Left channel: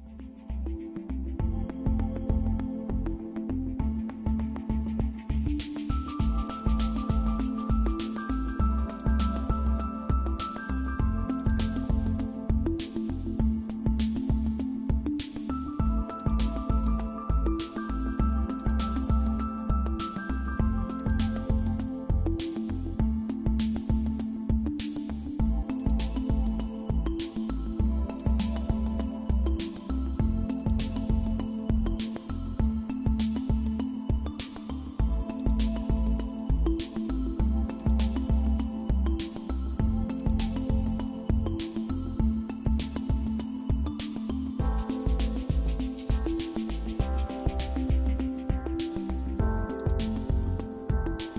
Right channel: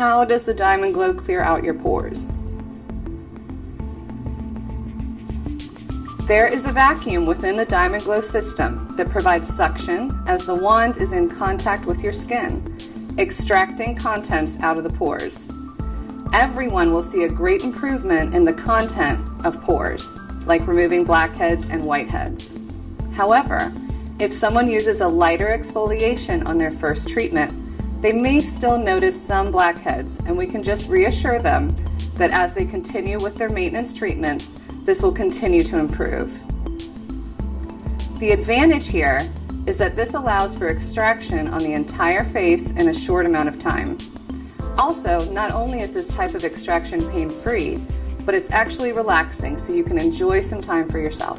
how does the Diamond Glow clear out your pores? There is a vacuum within the Diamond Glow system that provides suction as the wand is in contact with your skin, extracting contents out of the pores. Everyone will see a great improvement in the content of pores, like removing blackheads and whiteheads. However, if someone uses a lighter exfoliation on their first treatment, they may still notice some blackheads, and we can just reassure them that as they continue with their maintenance treatments, this will continue to improve. The advantage here is that this allows for extraction on the entire face in a short amount of time. Also, not only is this type of extraction pain-free, but it's actually relaxing, so you can enjoy some time for yourself.